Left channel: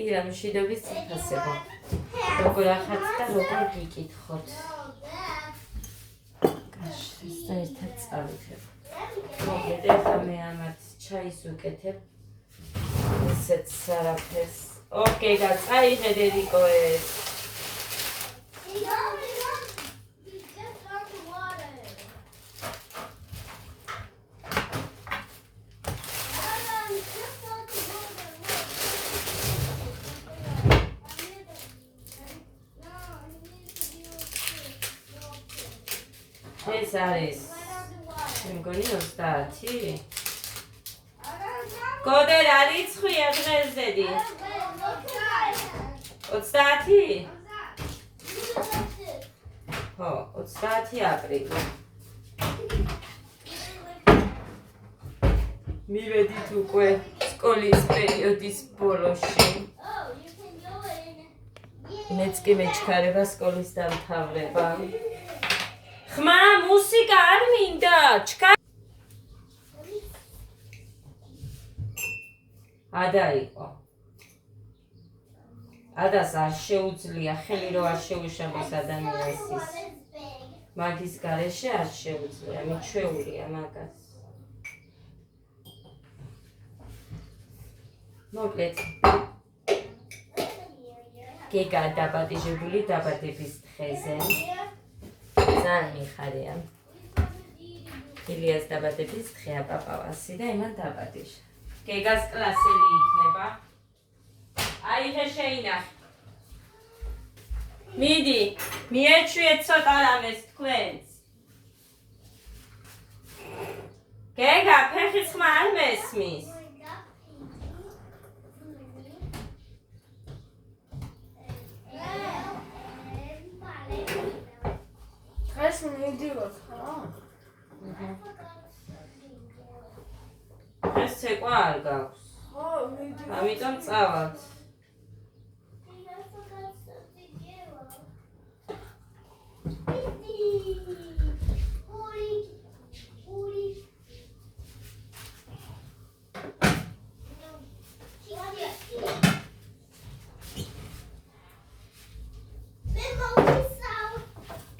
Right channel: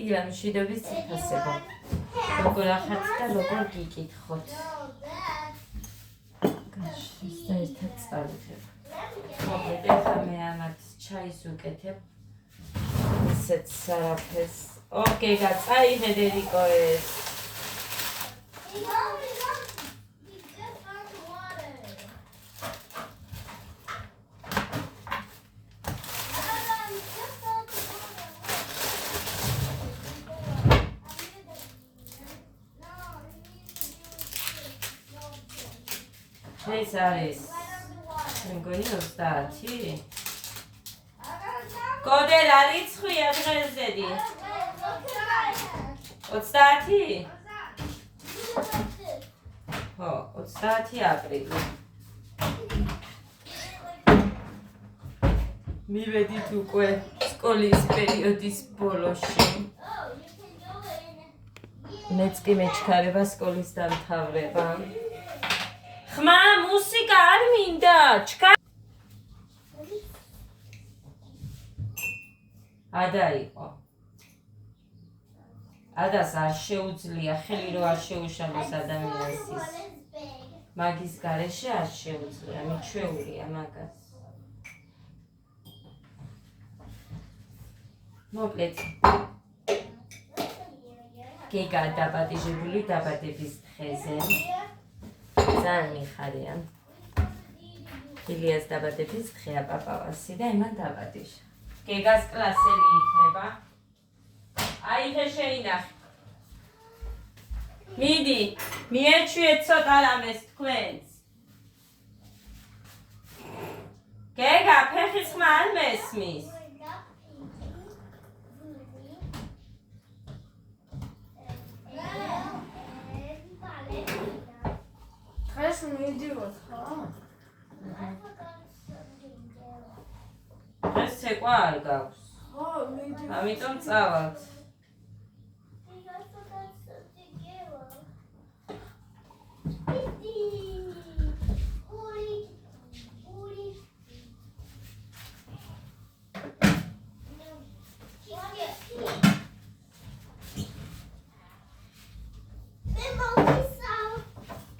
დიახ, მშვიდობის წიფასება. როგორ ახაც და როგორ გიკითხოთ. გაშ, ეს ერთად წავიდებ. მოგეთ, ეხლა მე ამათ ჩაის ვუკეთებ. ესეც არაფერს. ოკეი, წაიღე დედიკო ეს. ეს არის მეგონი 30. გოდერ არ იცხვია დღეს დედი? 30? ხო, 30 აპრილი. მივედით უკვე სკოლის პერიოდის ბოლოში. მეც კი მეჩქარება სკოლის დამთავრება. ხმა, მუსიკა არ მინდა, ჩქა. ადა იყო. ადას არ შეუძლია ხელი რო არ შეუშალოს ადამიანს ის. მაგის გარეშე არ შეუძლია, მიჩვეულია მაგას. მოკლედ. გეგა დაბადებული დაბადების დღეზე. ძალიან მიხარია. ილიას დაბადების დღეა პაპავასი და იმან დაბადის. გეგას კლასელი იქნება. აიღე შეინახე. მიდი, მიეჩვიეთ ცოტა რამეს თქვენს. გეგა, ფეხის ხმა არ მესმის. დღეს მიდივართ, ხო? დღეს ცეკვა არ გაქვს. ხო, მიდივართ. ამიტომ წავალთ.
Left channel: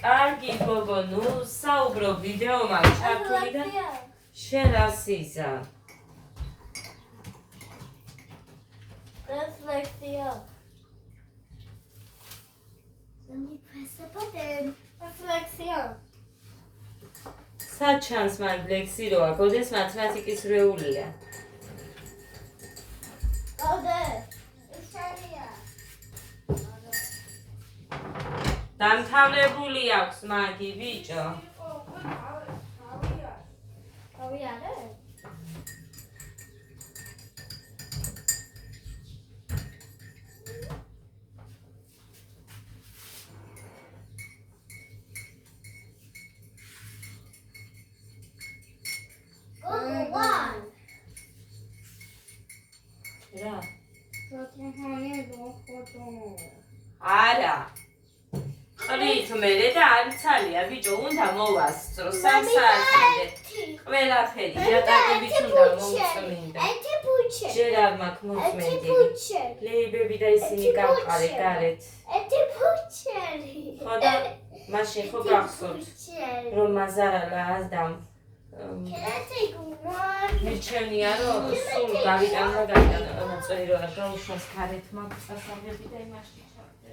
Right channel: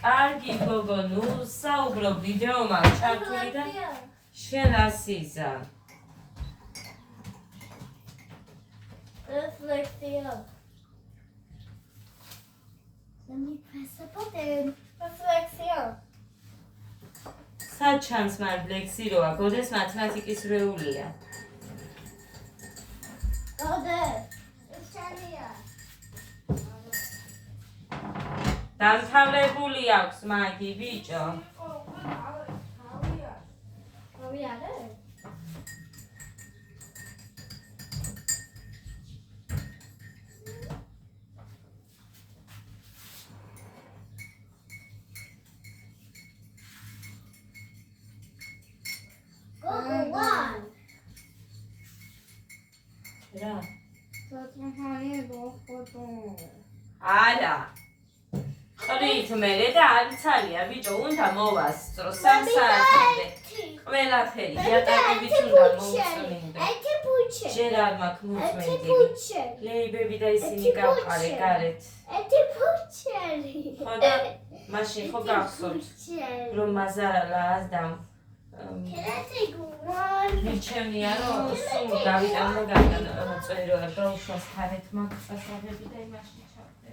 კარგი გოგო, ნუ საუბრო ვიდეო მაქვს ჩართული და შენ რას იზა? Reflexion. Let me press the button. Reflexion. საჩანს მან ბლექსი როა, გოდეს მათემატიკის რეულია. Go there. It's here. დამთავრებული აქვს მაგი ბიჭო. Are we at it? Go one. რა? არა. ყრით მერე და არცალია ბიჭო, უნდა მოვასწრო 3 საათამდე. ყველაფერი იატაკებიც უნდა მოვწმინდო. ჯერ არ მაქვს მოწმენდი. ლეიბები და ისინი გავყარე გარეთ. ხო და მაშინ ხო გახსოვთ რომ მაზარალა ასდამ მიჩემნია რომ სულ გავიტანდა წვერი რო არ გაუშვას გარეთ მაქვს სასწავლები და იმაში ჩავდე.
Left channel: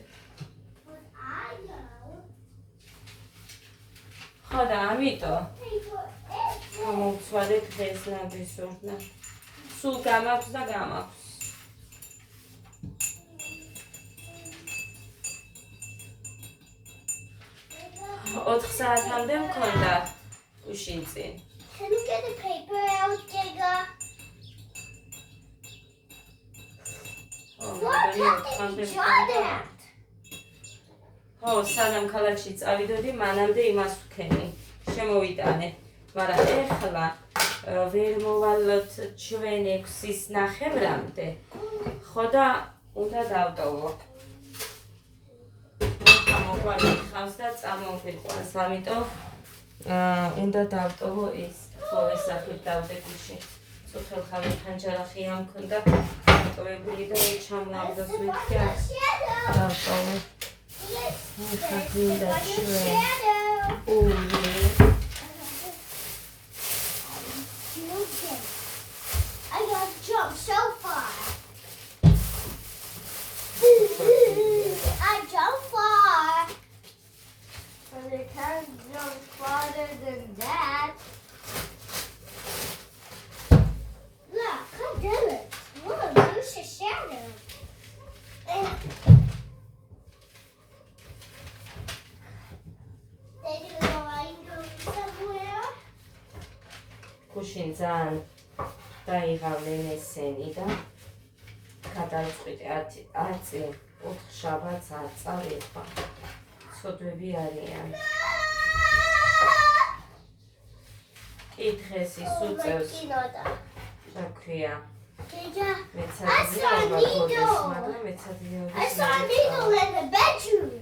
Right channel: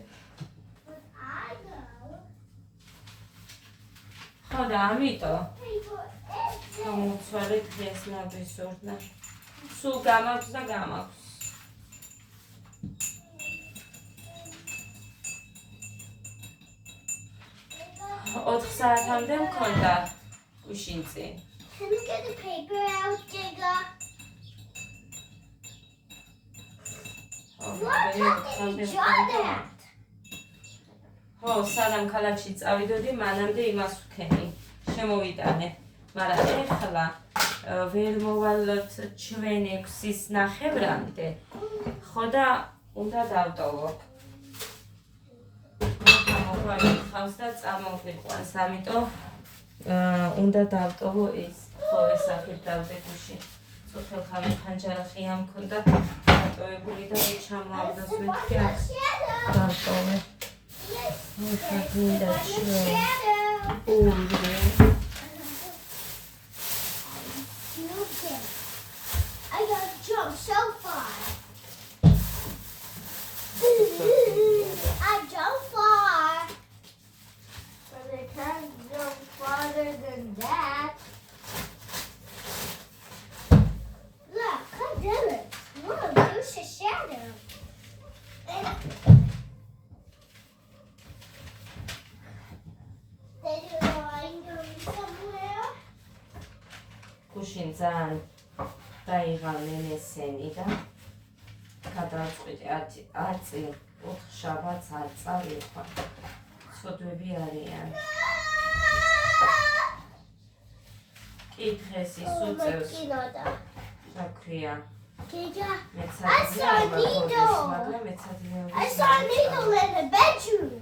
ხო და ამიტომ მოვცვალე დღეს ნაბისურდა. სულ გამაქვს და გამაქვს. ოთხ საათამდე მქონდა უშინწინ. Can you get the paper out, Giga? What happened to that? ხო, სანამ ქალაქში წავიდოდი, მანამდე იმას ვქენი. შემოვიტანე. მაგრამ ეხლა ვერ მოვალოთ ჩვენ 6-ის ნახევრამდე. ხო და უნდა დავტოვო. მოყვანი ხავს და წამოვიყვანს, ამიტომ უნდა დავტოვო ის. ხო, ეს აქეთ დავდე გუში. სოფელხავი ფანჯარახი ამ ქონდა დატოვებული და ჩამლავდას მეთქი აქ დავტოვე. ეხლა გინდა ჩვენ ორი I got jump so far. I jump far. But I can't jump farther than that. Look, I did it. Look, there's a shadow. Daddy, are you going somewhere? გუშინ ძალიან დაიღალე ესენი და გადავწყვიტე 10 წელი 4 შაბათს 10 წელი ხა სოდვები არიან კითხეს ის უწევს რა ქვია I saw a needle. I saw a needle in the bedroom.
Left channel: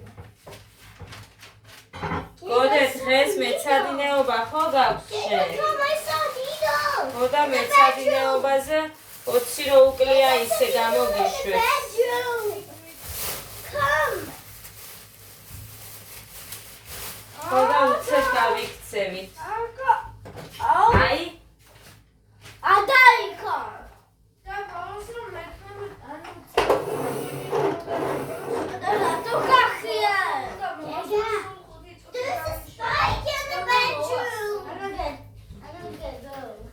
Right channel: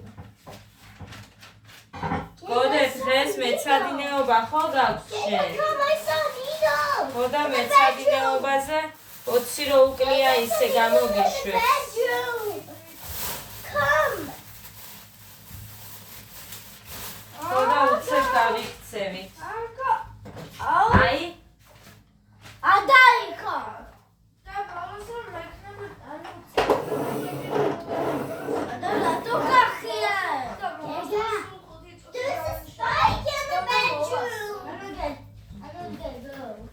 გოდე დღეს მეცადინეობა ხო გაქვს შენ? I saw a needle. ხო და მეცადინეობაზე 20 რო უკლია ისე გამოგიშვეს. Come. ხო და უცებ გავიქცევით. Oh, აი I died. There's a spike in the bedroom. I don't get those.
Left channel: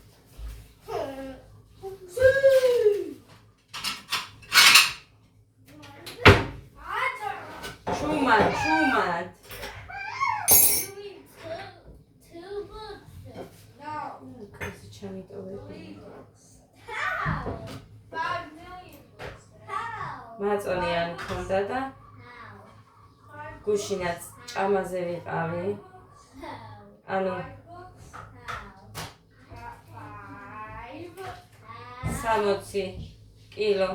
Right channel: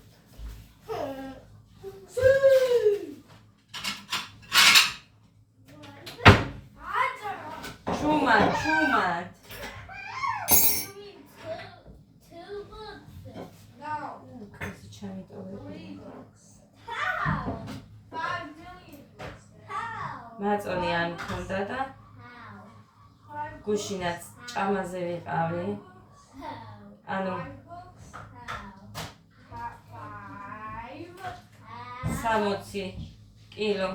ჩუმად Two books. No. კაცი ჩამიტოვები. How? 5 million books. How? მაწონი არ მქონდა და How? გუშინაც ჭამაზე ვიყავი. How? ანუ How? 60 კილო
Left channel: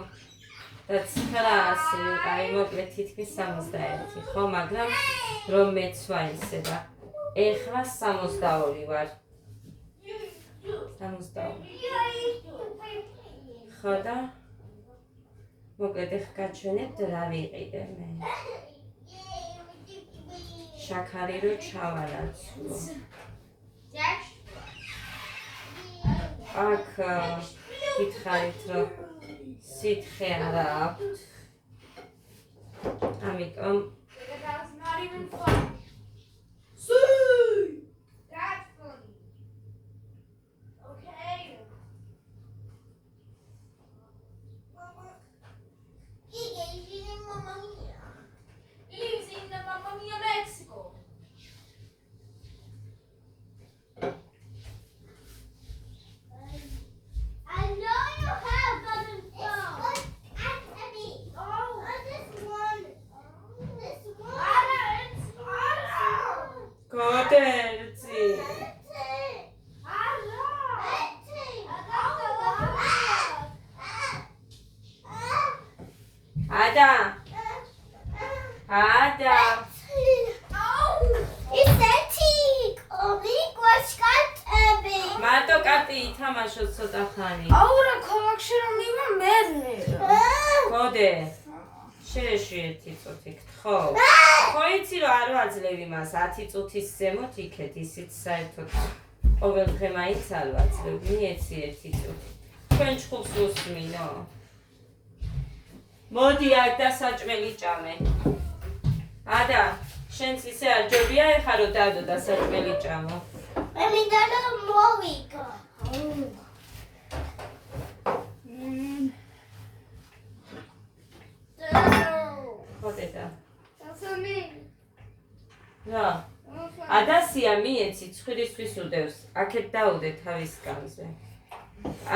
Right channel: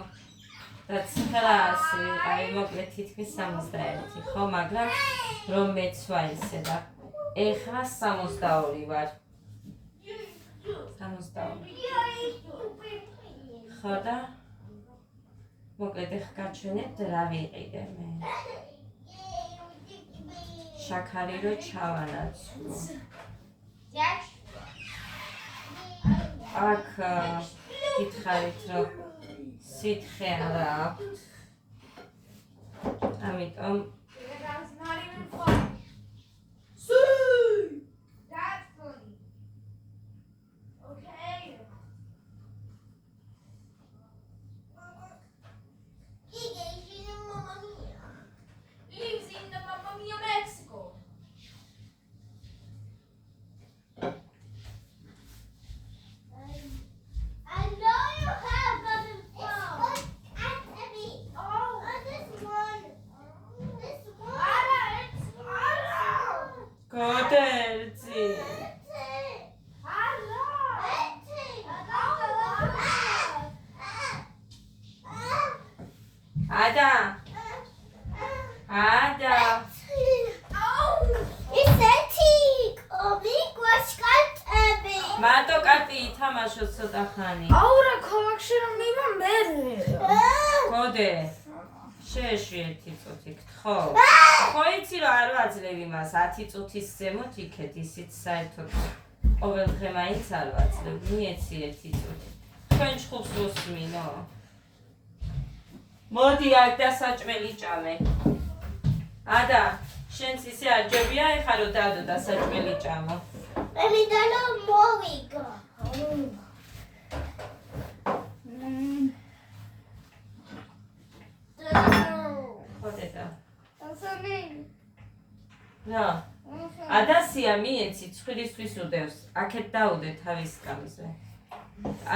და 900 ვიყავი, მოკლედ თითქმის 71 ხო, მაგრამ რომ მეცვა ისე და ეხლა 62 ვარ. 62. ხო და მოკლედ ეხლა გაჩვენებთ რა ვიყიდე მე. შაქარი რო ჩავანაცვლო. აქ გითხარით რომ სითხე არა აქვს. ამიტომ That's not even funny. That's funny. Okay. Lives in the Mamma Mia, Mexico. I know you have gotten phone. Oh, this one. This one. გოდერძი ადა მარტო კარტი ითამაშო ცოტა ხანი. Aura collection on even better. გოდე შეეშვიეთი წუთით ხო? ხო იცი რომ არ ვაძლევ იმას 10 წუთის ზემოთ იქეთ ისიც საერთოდ ყოველ დღე მაინც არ ვაძლევ მიეცი 1 წუთი. თქვენ ჩხუბს უსმინო. მოდი აქ დასაჭმელი ჭამე. ადა შენც ისე არ ჯობია ეხა რომ დადო დასაჭმელი ჭამო. ხო დედა. რა? ადასია მიეცი ცხვირისთვის უდევს. აქეთ დაუდე თავის კამზე.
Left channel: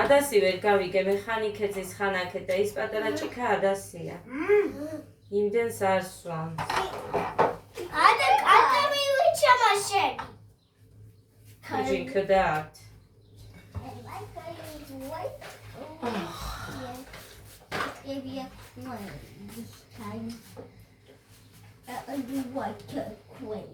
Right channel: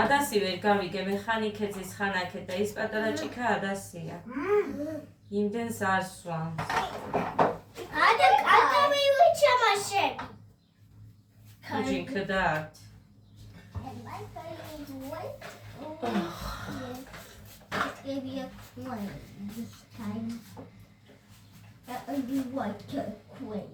ადასი ვერ გავიგე მექანიკეძის ხანაკეთ და ის პატარა ჭიქა ადასია. იმდენს არ სვამს. ჯიქდათ. Maybe a coin this time. You want a coin.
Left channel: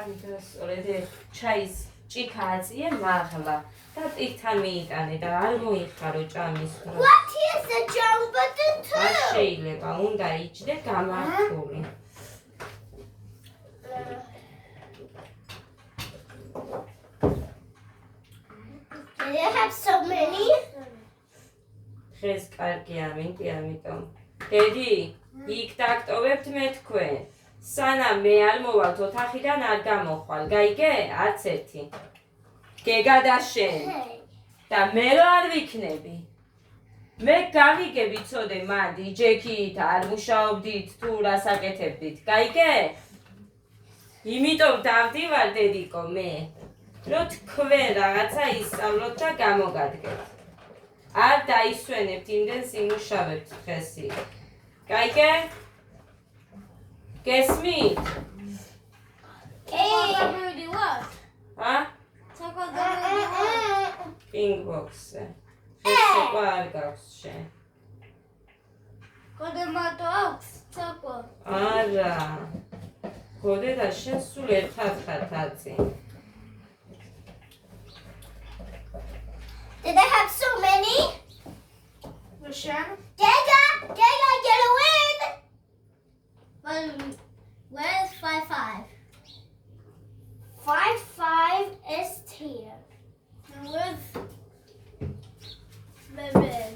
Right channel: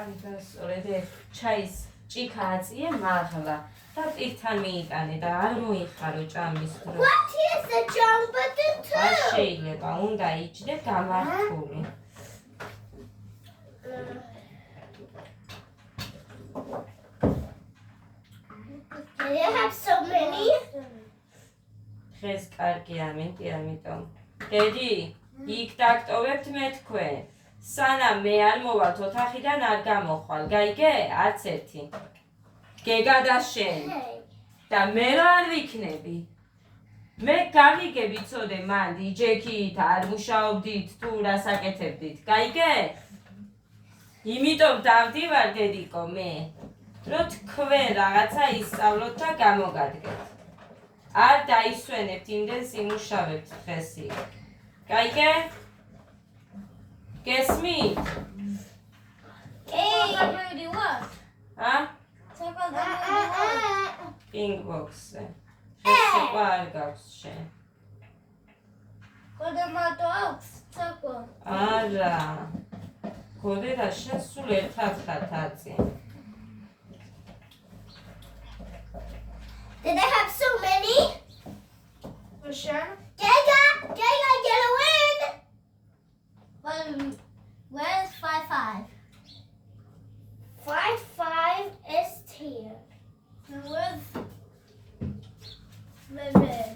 აი დასწორე ჩაის ჭიქა აწიე მაღლა და პირთან მიიტანე და არ მოიხარო ჭამის დრო. What is the jump button არ too? შეიძლება, უნდა იჯდე გამართული. Do you have so many? დღეს კარგია, ამიტომ. დედი, იქ დაგტოვებთ მე თქვენ. სანამ მე არ მოვალთ ოთახიდან არ გამოხვალ. გაიგე? არც ერთი. გეგა და შენ. Hey. და მე რა არ ვიქნები. მე გავიგე ვიცოდე მან ჯექით არ მუშაობდით თუ რას აკეთებდით. გაიგე? იმიტომ დავდივარ დედიკო მე. რომ თქვენ რაღაცა ისწავლოთ და გამოგადგეთ. არ დაისვენებთ იმდენს იმუშავებთ დღეს იქ. გაიგე? გესმით? Hey. what? ა? პინგ ბოქსზე. ეს უკვე არ გაქვს შენ. Kodemato აქვს ცაკვა. არა. გოდე და შენ სულ ერთად ხართ აწი. Did I have so many? Sure. Gega, get a win. Well, where's 5-5? 5 is here. And where's Lemon?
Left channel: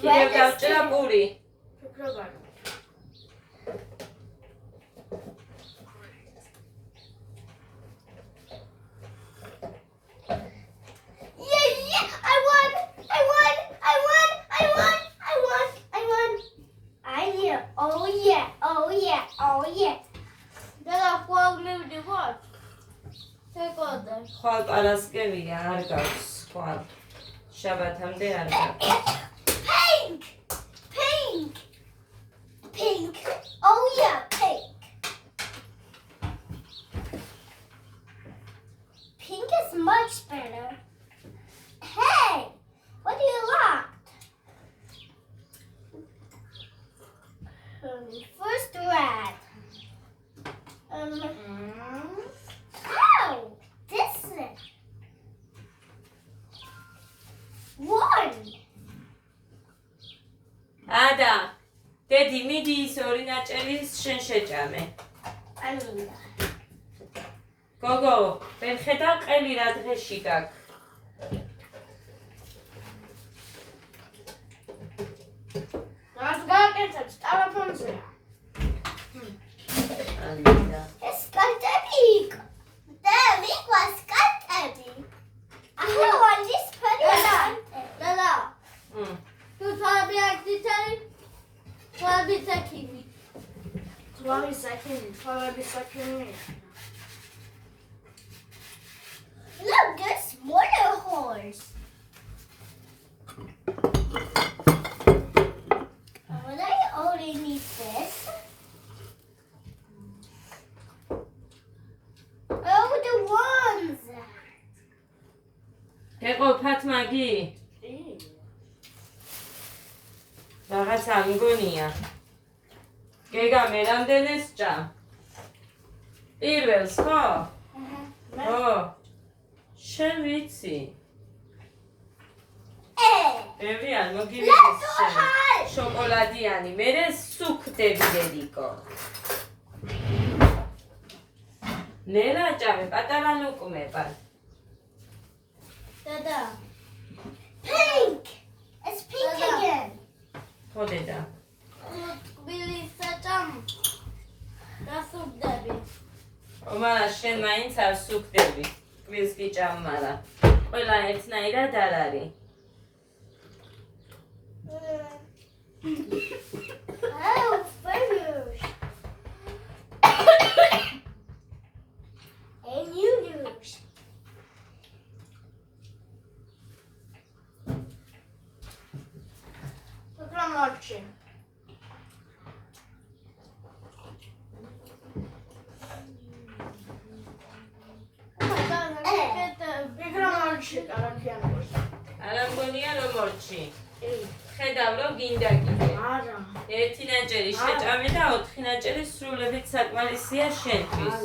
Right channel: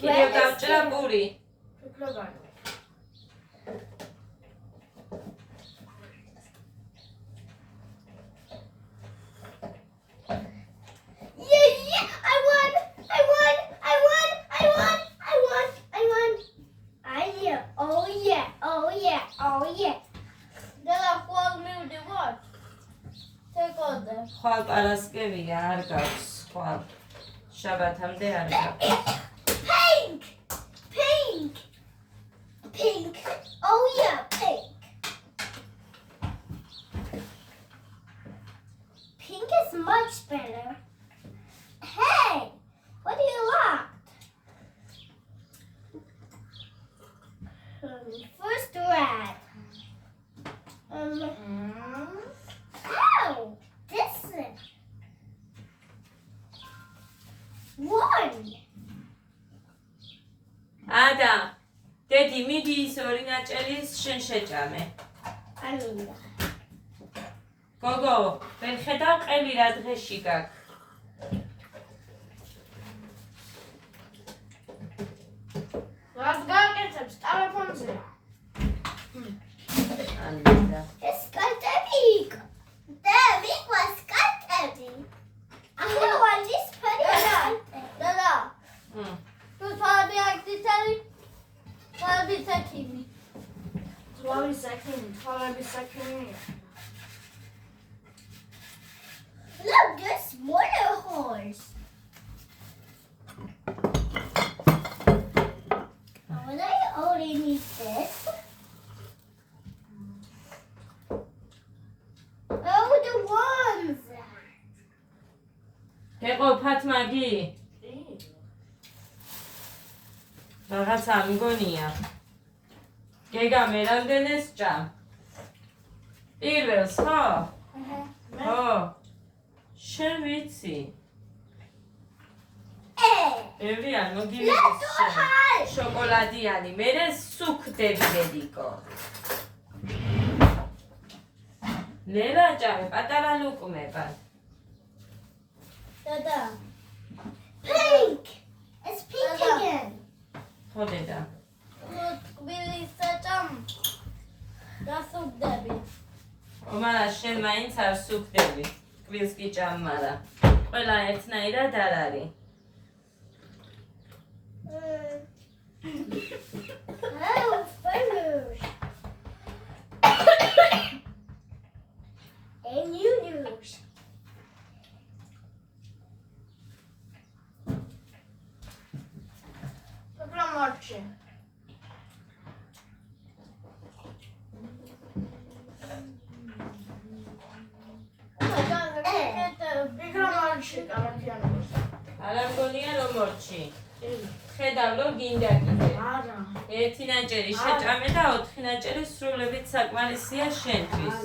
კიდევ გავჭრა პური. Yeah, I won. Oh yeah. Then I called me with the what? Take all that. ხვალ პარასკევია არ გაქვს ხვალ. შაბათამდე არ გაქვს. Pink. Oh yeah, pink. Pink is much better. Hey, what do you want? First red. Oh, this is 1. ადა. დედი მიდი ის ორი ნაჭერის შენ შეჭამე. I mean that. გოგო, ვერ ხედავ ყელი რა დღეში გაქვს. Let's go get some telephone. ანდა. Es skatebīk. Tev was skatebīk. I don't want this pretty one. Dada, tu sabi jak ty celi? Sabi takimi. Sabi sakini. Look, there's smaller horse. Would I only need this? Oh, the worms. გეყოფათ მაგი? რაღაცა მიგონია. გეგა მე რამდენს ჭამ? პირველს ხო? ხო. შენ ვიცი. ბევრი არ მოგივიდეს შენ. შოკოლადიანი, მერე სუქდები დედიკო. ნელა ჭამე, პატარა ლუკმებად. Dada, Pink. It's pink again. ხო დედა. Billy Satam. That's so Debbie. ომარა შენ მაინც არ სუქდები. კვილს კი ჭამ, მაგრამ ყველა ერთნაირად არ არის. Oh, finish. And you lose. Look at Marchie. არა მგონია რომ მორჩი. ხედავ რომ გინდა კიდე. არა. ერთი ნაჭერი შეჭამე და 4 ნაჭერი სრულებით საკმარისია შენთვის.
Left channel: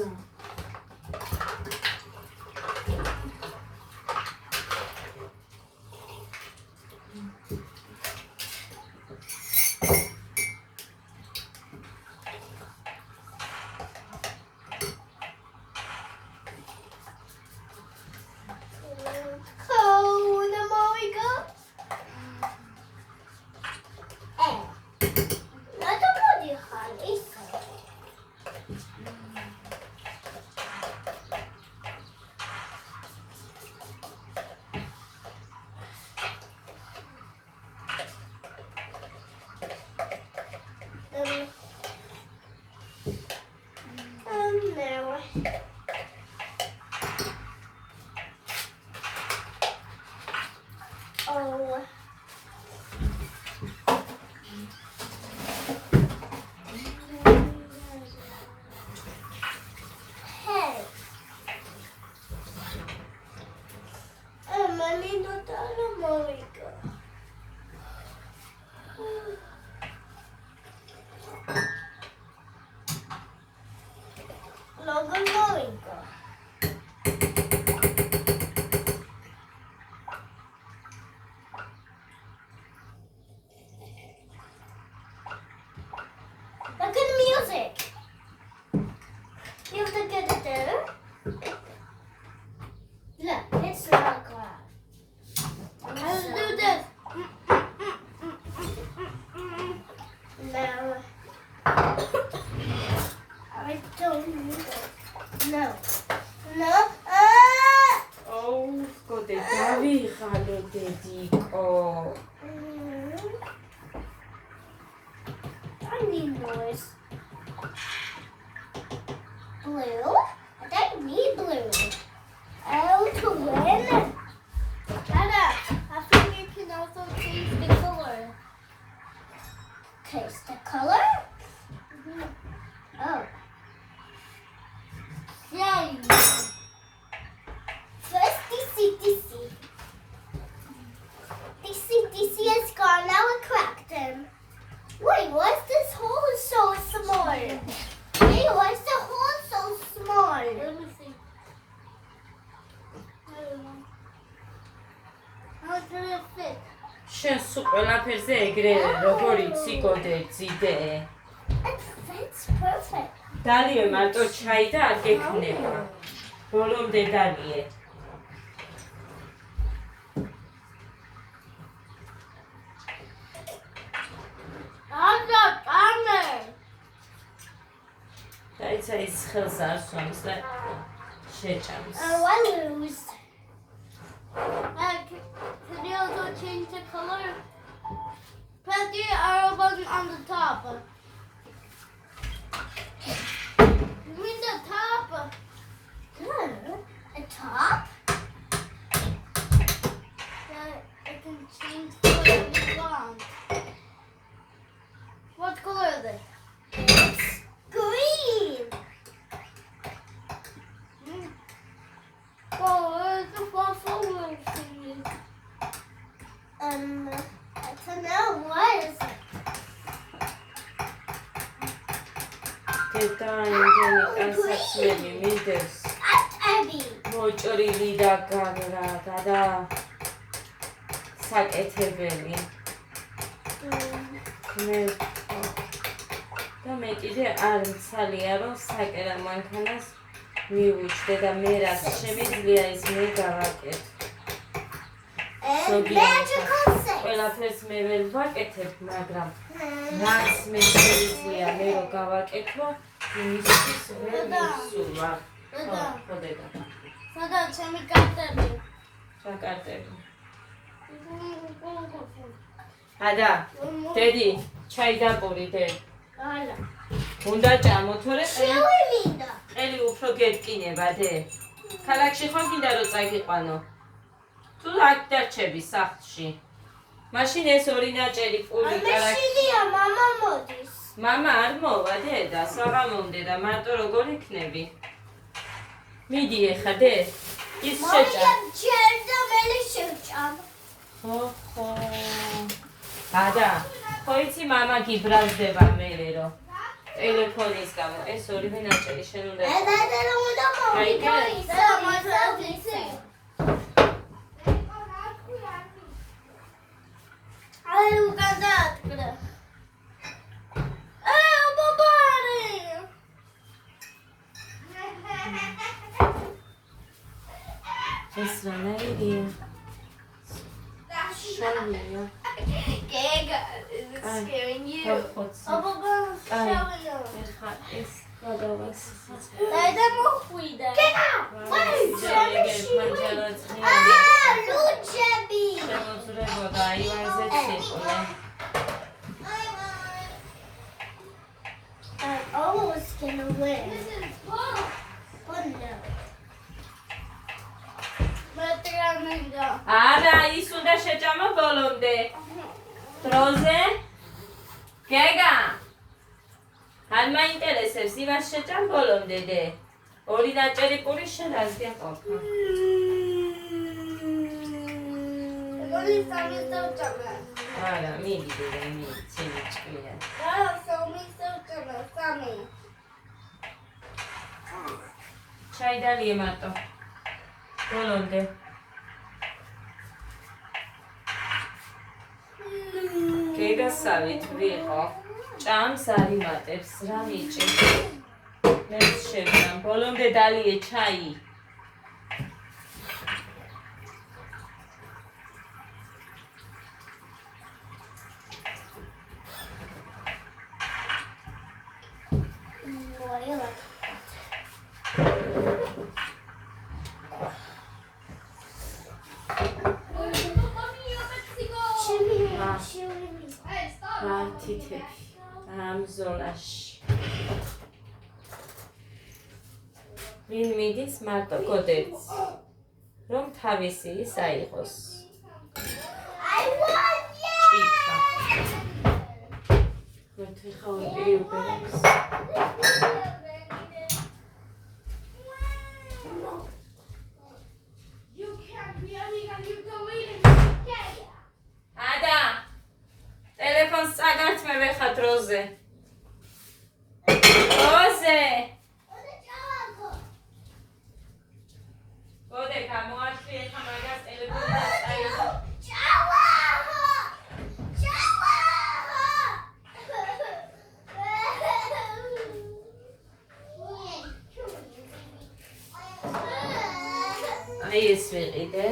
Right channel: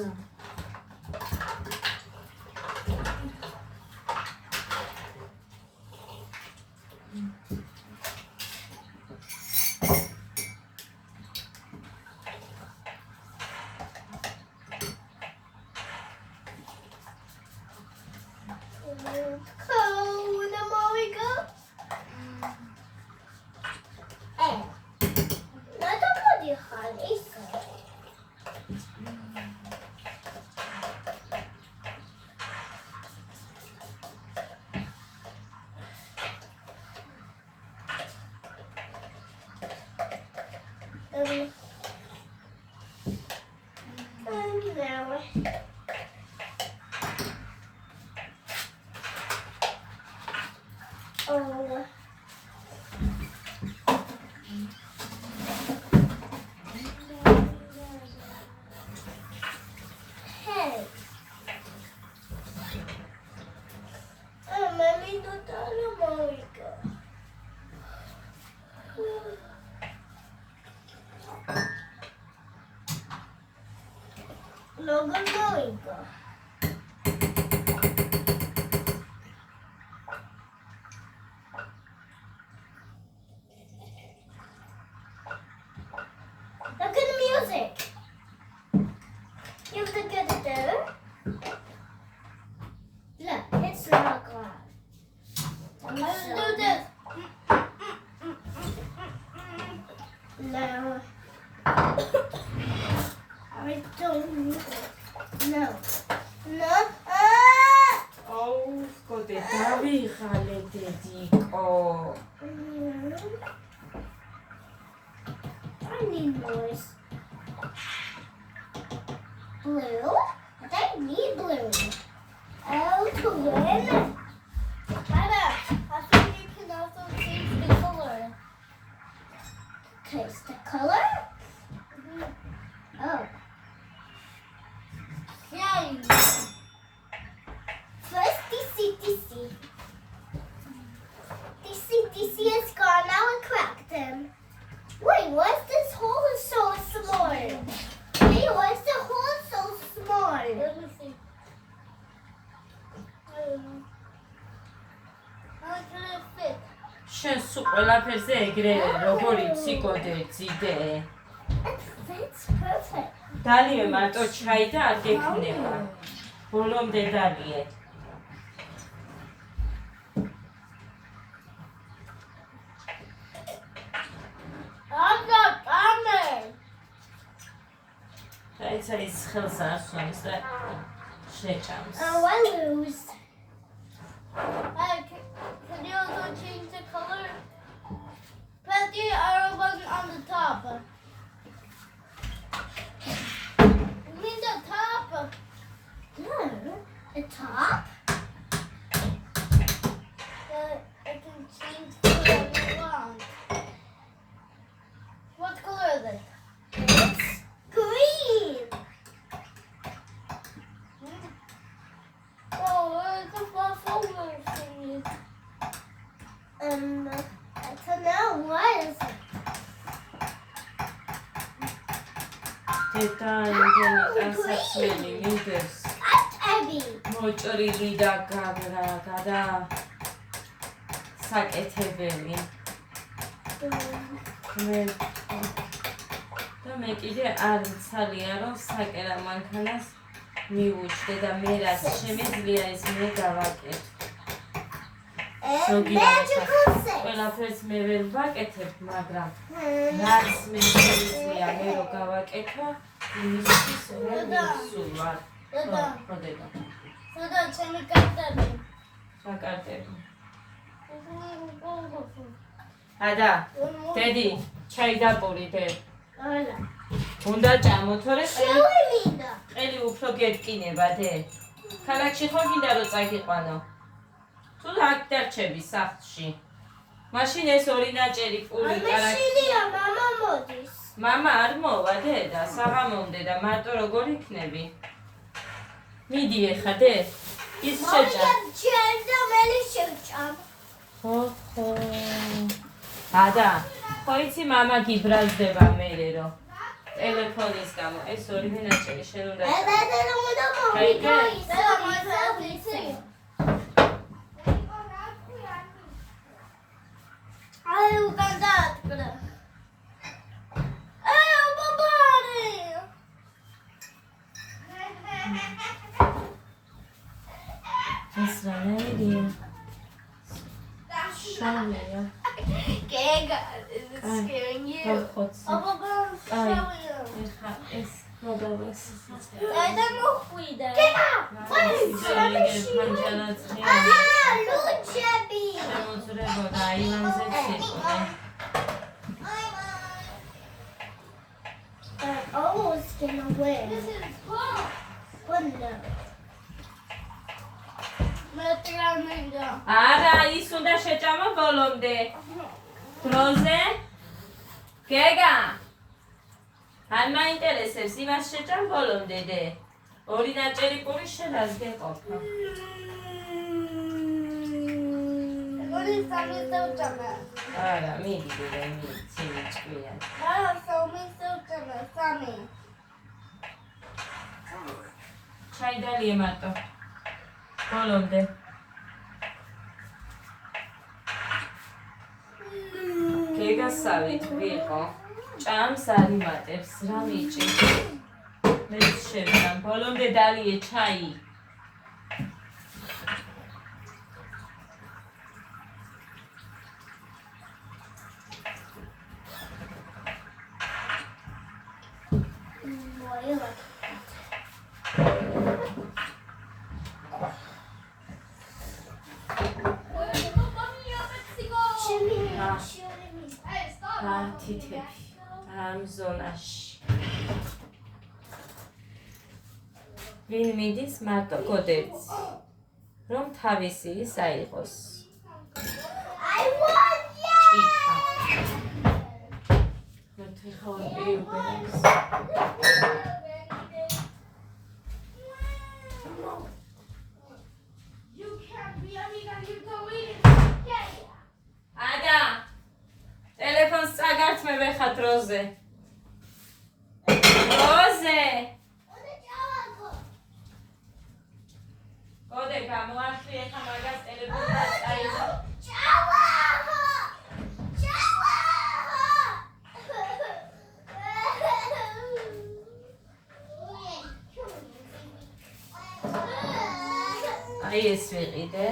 Look at the music. You have to get it there. Look, it's not glass. Let's do this. No. I don't need it. No. No. აუ, გოდე დავიღალე დედიკო. I need noise. Blue? I don't need blue. Oh, to win? Anna, I think you can also change the color. Taste the color? Oh. Yay. First, DC. DC is gone. Now I cracked him. Wait, why's this hole so small? Hey, why's the hole so small? Let me see. I don't know. How did it fit? შენ სულ ყველაფერზე ეგრე როგორ იცი გოდე ძიდე. It fits perfect. დალიე მარტო ჩაი და არ გექნება. ბოლომდე დალიე. დაიცა ის ხელს არ სვამს და შეჭამს. Oh, I lose. Can you also change the color? Press the arrow button on the top. You mean the top? Good. The top? I can change the color you want. What color is it? It's green. Oh, where's the flower thingy? I don't know. What is it? დედა იმდენი ტანსაცმელი მინდებს. Abby. მოჭრილი და გადა საკეთებელი. მე კიდე არ მცალია რომ საკერა მანქანას მიუჩდე და მე რაც შემიძლია ის მე გავაკეთე. And magical six. ყველაფერს მე ვერ ვაკეთებ, მაგრამ რაც მე შემიძლია მე რო გავაკეთო, იმისთვის ვერ მისულა. ხო დედა. სადაც ჩემი კარტები? რა კარტები? ადა, დედი, ჩაი დაპურიდე. Hola. უნდა ჭამო, თორე Chili linda. ყელი უფრო გეტკინება, დე. ქალაქში ხო გინდა რომ წაგიყვანო? თუ აქ დარჩები სახლში. მაშინ ეს ორი ნაჭერი პური კარაქი. Mama მოდის. მამა არ მოვა დედა, საღამომდე და მარტო როგორ იქნები? მიდი ეხა დე. ის შეჭამ. Monika, cheers the melon. ხო. ადა, ხო იცი მამა გიბრალდება მერე რომ ტელეფონის გამო ეს ორივე ნაჭერი შენ უნდა ეს რანაირია შავია Gega, is it scaring you? ხოცა ეხა ეს გადავას I don't know who that. შემოძრებოდა აივანზე ციკლე I'm almost gonna win. This is fun. But no. არა ის უნდა შეჭამო ბოლომდე დროზე გეგა ან მაინტერესებს იმას შეჭამ ბოლომდე დე ორი ნაჭერი პური შენ რას გეყოფა არა მიდი ცილი ჭკია ჩაიდალიე მარტო ბოლომდე გეგასავით ვიყო ჭამს არიმატებს რა მიჭი მე შევნა ბოლომდე დალიე ჩაი რა თითები ამ ზონაში ვინ მიდის მარტო გოდებს რომ თავისი ის აიღოს I won! ჭიქა მე ხავი ეუბერებს ადა ტელეფონს წაგართ მე ვეხა დროზე გოდე გამოართვი ეხა მაგას ტელეფონს წაიღო აი ეს ვიყიდე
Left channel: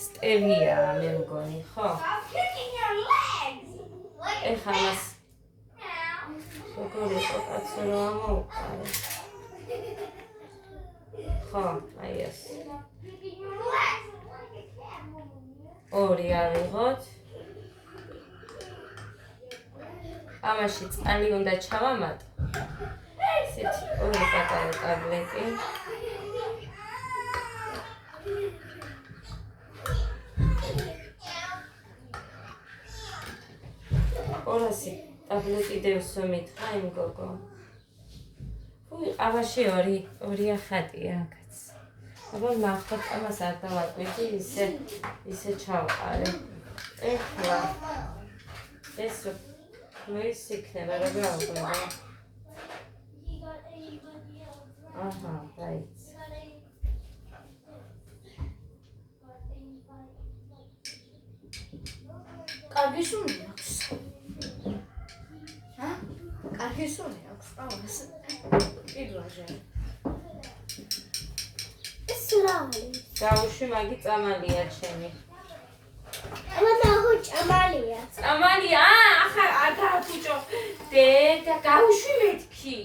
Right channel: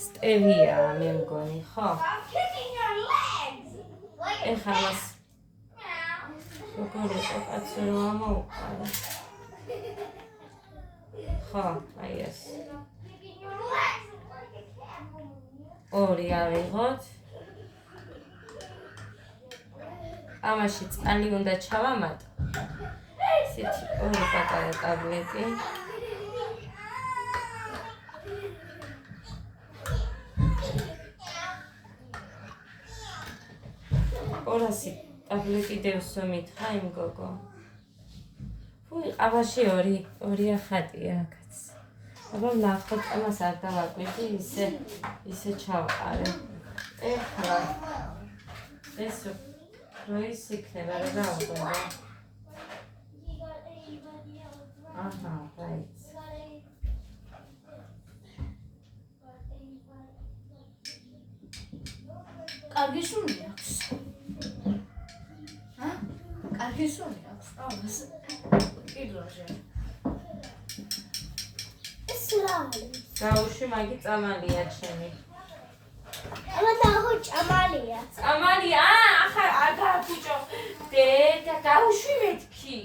სტევია მე მგონი ხო ეხა მას როგორი კაცო რა მოუყარე ხო აი ეს ორი ავიღოთ ამაში წყალი უნდა ჩავამატო ესეთი ორი პატარა ტაბლეტი ორასი ტაბლეტი დევსო მითხა იმ გოგო ფუი ამაში ორი ახატია კაც აბა ნახოთ ამას არ დავაკვირდი ისე ჩავყარე ეხლა ეს რო ის იქნება რა გავხდება აჰა right კარგი სული აქვს. კარგი სული აქვს. ეს პირველზე. It's lovely. გაუში მაგი წამალია ჩემი I'm going to Amalia. წამალია ახლა აგა ბიჭო დედა გაუში მეთქი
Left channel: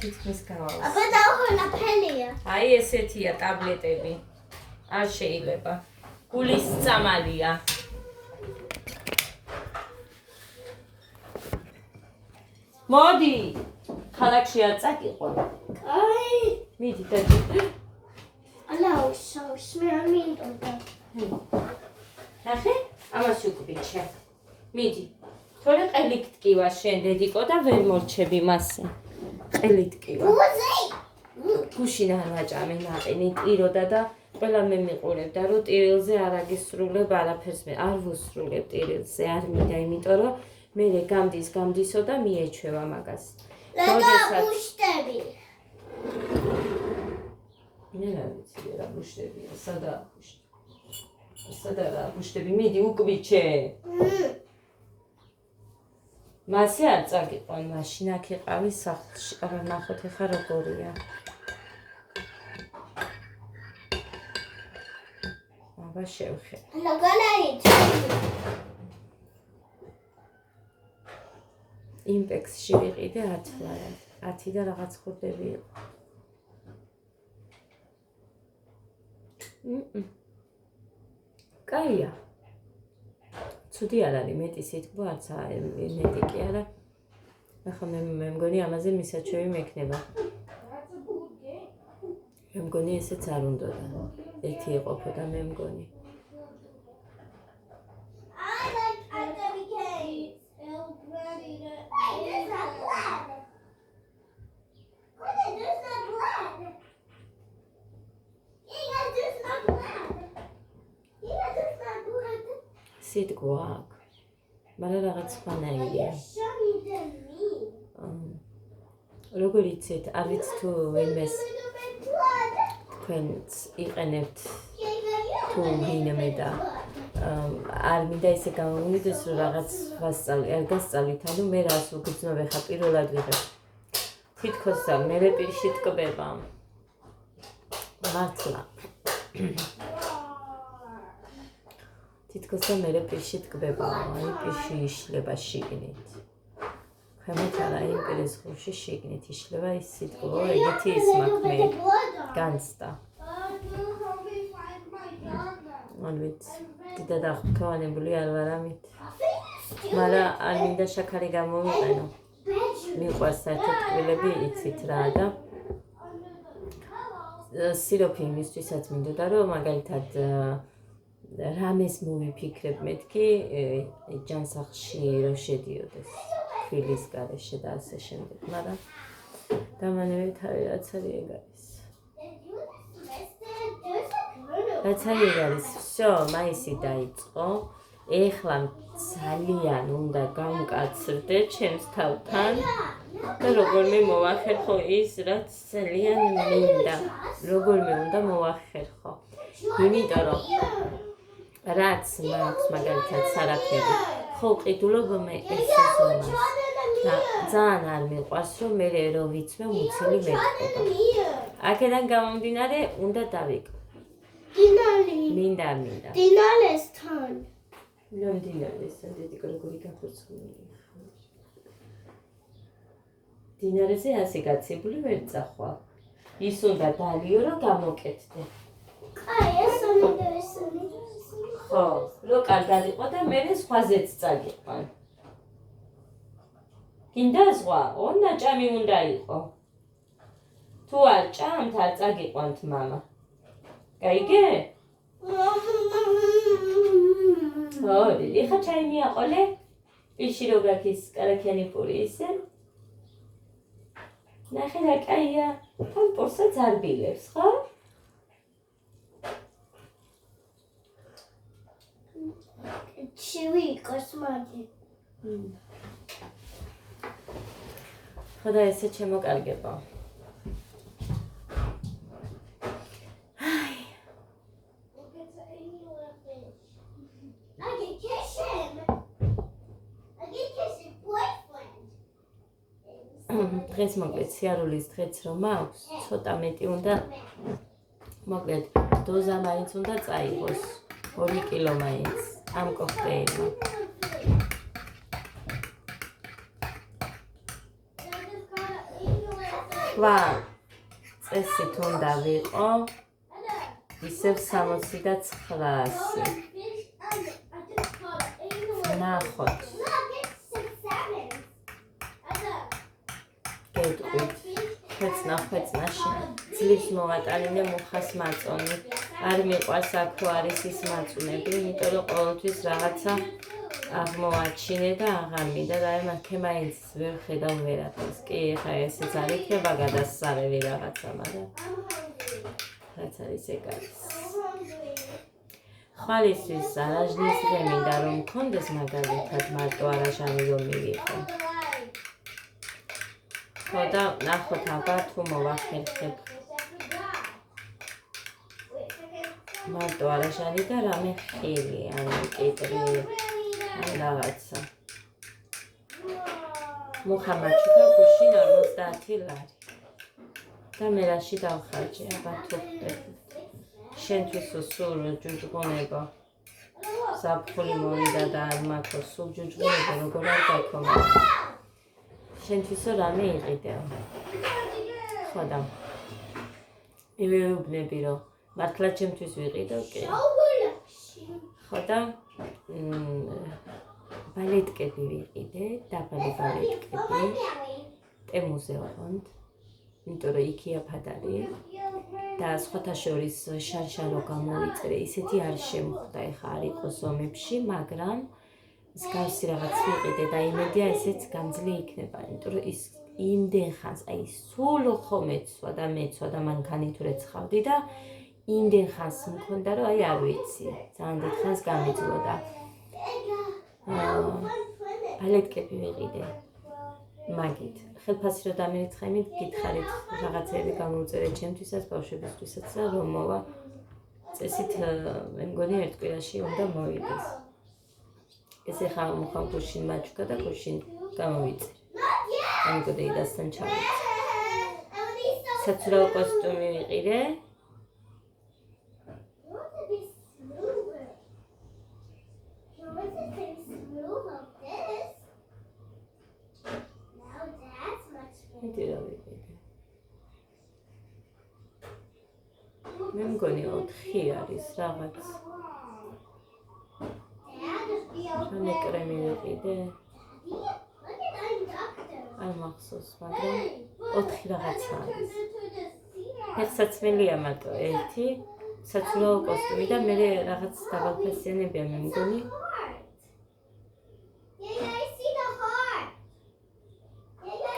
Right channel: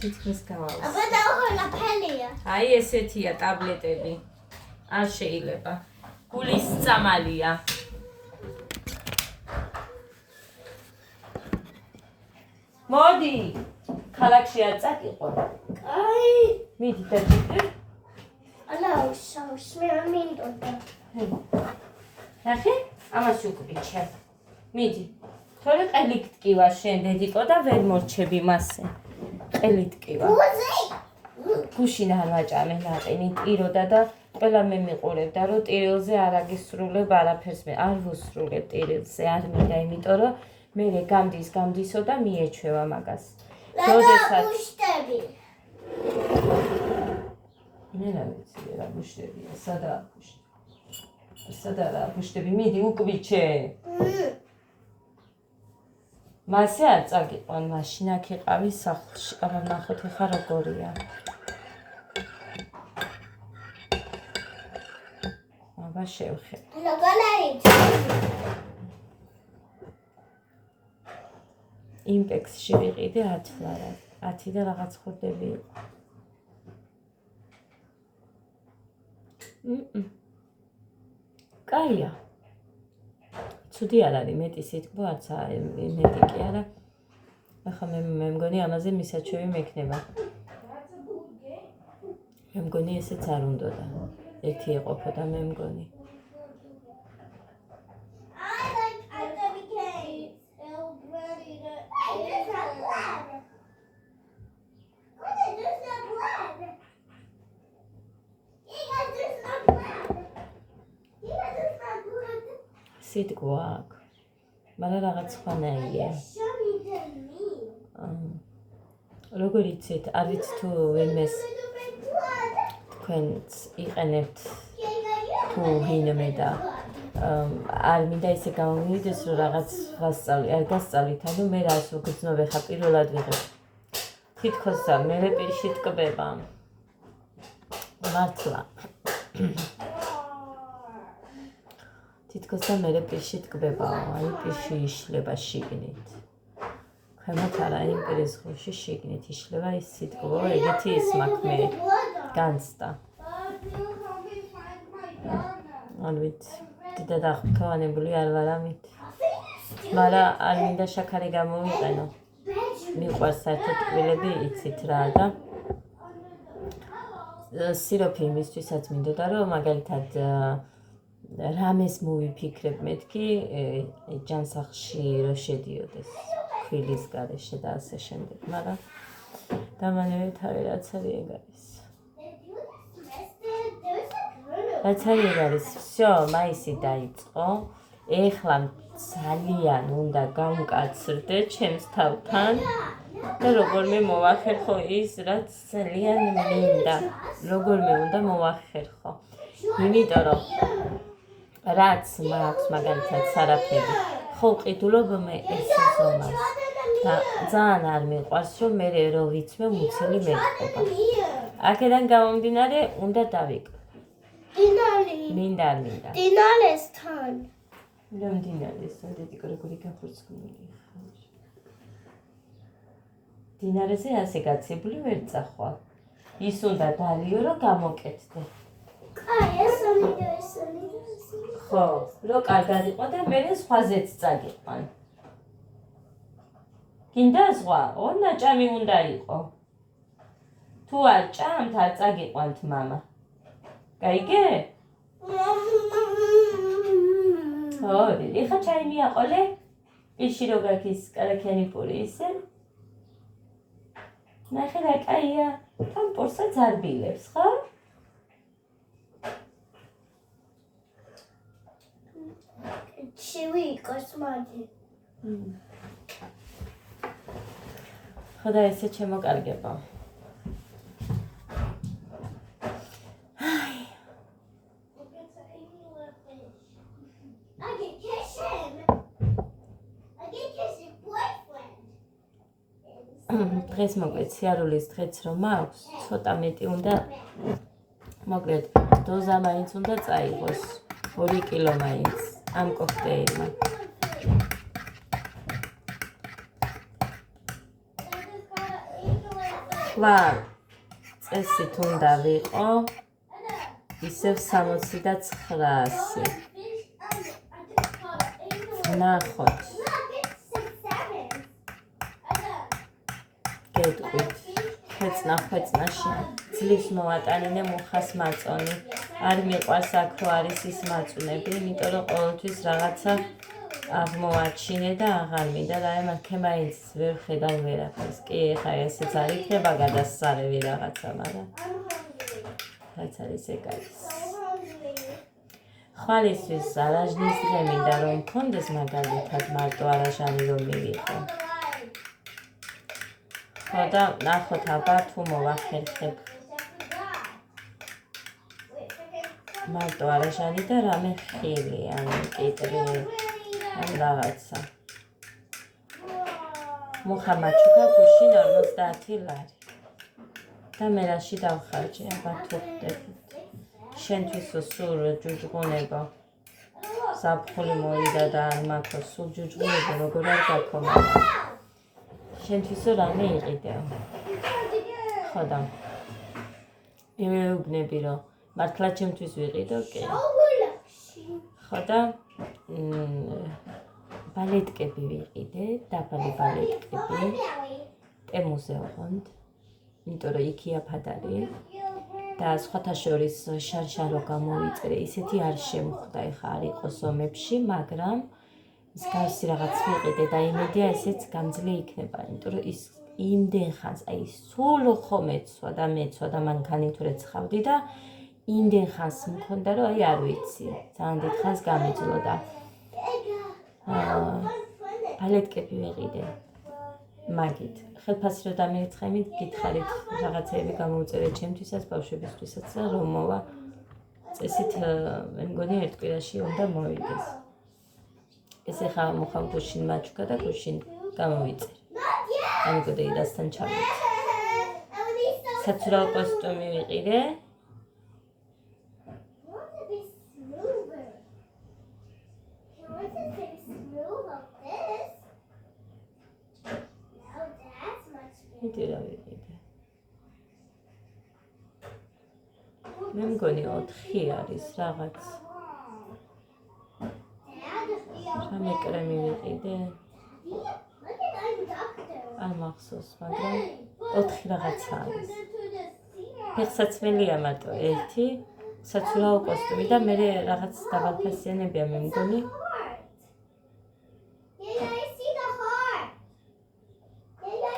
თითქმის გავალს I'm going to Lapelia. აი ესეთია ტაბლეტები არ შეიძლება გულის წამალია მოდი ქალაქში არ წაკიყო მიდი დაჭი Hello, so smell me on that. ნახე ამას უკბიჩე მიდი თორე ყელი ტკივა შენ დედიკო და ვერ მორჩები მასე ყელი ტკივა Who was it? გუშინ არ ვაჭამე ნაყინი ტიროდა და ყველა მე მიყურებდა რომ ტირილზე არ აგისრულებ არაფერს მე არ ვუსრულებ ტირილზე არ მინდა იმიტომ რომ მე გამდისო და მიეჩვევა მაგას როდესაც ბუშტები მე რა ვიცი რა ბუშტებია სადაა ბუშტები მიდი უკბიჩე მასე არ წაგიყვან მაშინ აქ იყავი სახლში აბა ნახოთ ეხა როგორია აბა შევხედე იმპექსში ვიყიდე 10 ლარად 10 და რაღაც ხურდები იყო კაია ცუდი არ არის მეტი სიტყვა არც მეტი კი არა ახლა მე მგონი ამაზე მისაჩვევი მექნება მე მგონი ესეც არ უნდოდა ერთი ეყოფოდა მე მგონი სიტყვა აქვს მაგრამ რაღაც სხვანაირია როგორ იცით არ ვიცი თუ ვინმეს თქვენც იყენებთ თუ ვინმე და არ მინდა ისე გამომივიდეს რომ რაღაც ვასწავლი არ გასწავლით ანუ მე რას უგრძნობ ხა პირველად ვიღებ თითქოს მე პირში ტკბება მართლა თითქოს და მე პირში ტკბება აი პირში იშლება შიგნით ქვემოთ არა იმ პირის ხუში შიგნით იშლება ის სიტყვა ეგეთი ის მაქვს მე განცდა არ ვიცი დიდად აღფრთოვანებული არ ვარ ამით მაგრამ არ მინდა შაქარი გამოვიყენო მიყვარს საერთოდ ტკბილები იცით რა და სიროფი იმისთვისაც მინდოდა რომ მაგალითად რამეს მოვიფიქრებ მეთქი ჯანსაღში რო შედიოდეს ქვილის გარეშე და ასე შემდეგ მაგრამ დამანევე თავი რაც არის ეგ არის რაც არის ეგ არის всё მაისი დაიწყო ეხლა ძალიან უნდა გამკაცრდე ჩემს თავთან და როგორმე მოვახერხო ის რაც ძალიან მინდა როგორმე უნდა მოვახერხო იმიტომ რომ რაც მაქვს მაგალითად სარაფები ხო ყიდულობ მე ეს ზომას და ძალიან არ მიყვარს რომ მე რო ვიცმე მუცელი მეტყობა აქედან გამომდინარე უნდა დავიკლო მინდა დინალესთან რომ დინალესთან დედიკო როგორი გახურცმული დინარეზე ასე გაცებული ვერ წახვალ ის უნდა დალიო რომ გამოკეთდე ხო, რო კარგად იყო და მე სხვაზეც წაგიყვან. გინდა სხვა, ნაჭამი უნდა იყო. თუ არ ჭამთ, არ წაგიყვანთ მამა. გაიგე? ხო, ეხა ჩაი მიაყოლე? პირში რო გაქვს კარაქიანი პური ისე? ნახე რა კაია, თან პორსაც არ ბილებს, ხო? Chewy კოსმოდი. ხოდა ესე შემოკარგება. აი. დღეს მოკლედ სიარულის დღეც რომ აქვს, ცოტა მეტი უნდა მოკლედ დოზა მაინც უნდა წაიღოს 2 კილო მაინც. ამ კოქტეილმა. ლა წესით უნდა ვიყო ისევ 60 და 900. ნახოთ. გეტყვით. ხვეწნაში ძლივს მოვატანინე მუხას მაწონი. არ მიყვარს აქ რო არის ის მაწუნები, იმიტომ რომ ყოველთვის რაღაცა აღმოაჩინე და აღარ მინდა და აი მაქ მაინც ვერ ხედავ ვერაფერს. კი, ხა ესეც არ იქნება გადასწარები რაღაცა, მაგრამ რაც არის ეგ არის. ხვალისთვის არაჟნის დღე მინდა რომ მქონდეს მაგალითად მარტო არაჟანი რომ მივიღო. ხო და ნახოთ აბა თუ მოვახერხებ მარტო არაჟანი და რამე ხილი, ანუ კიტრი, ან რაღაცა. მუხა მაჩუკა გუშინ 50 ლარი. და მე რაში დავხარჯე, აბა თუ ხდები. შენთვის სულ ჯუჯღუნება. ზაფხული მოვიდა და არ მაქვს სულ ჯუჯღუნება, როგორ არ გაქვს მაგრამ. შენთვისო რამე იყიდეო. ხო და მივეუბნები რომ მართლა ჩემთვის ვიყიდო, კი. ხო და ბალეტკები ვიყიდე, დაბალი ბალეტკები. ტემუზე ვყავთ. იმიტომ რომ იქია ფადარი და სხვათა შორის შარშარო გამოვიწერე, ისეთი არ შემხვდა, ეხა არ იყოს ომებში, მაგრამ მსგავსი რაღაც ვიყიდე და იმედია ესეც გამძლე იქნება, იმიტომ რომ ის იმდენ ხანს, აი სულ ხო მეცვა და მანქანი თუ რეცხავდი და იმდენ ხანს მქონდა რომ აი არ ვიცი, ძალიან დიდ ხანს გამეძლო და ბალეტკები ვიყიდე. მაგით ხელფასი რომ დამერიცხე, გითხარით რაღაცეები გამოვწერეთ ჩემთვისაც, ბავშვებისთვისაც და რომ მოვა წესით მე მგონი ერთ კვირაში უნდა მოვიდეს. ეს ახლა მოხავ გუშინ მაჩუკა და გუშინ გამოვიწერე. ამიტომ დაიდასთან ჩავიდე. საცურაო კოსტუმი ვიყიდე. მე მგონი 4 არის რაღაც. რამე კრემი ვიყიდე. არ მახსოვს, მაგრამ 4 რაღაცა არის. ფეხსაცმელია მარტო ერთი, საცურაო კოსტუმი და მე რაღაც დაბალფასიანებია მე მგონი.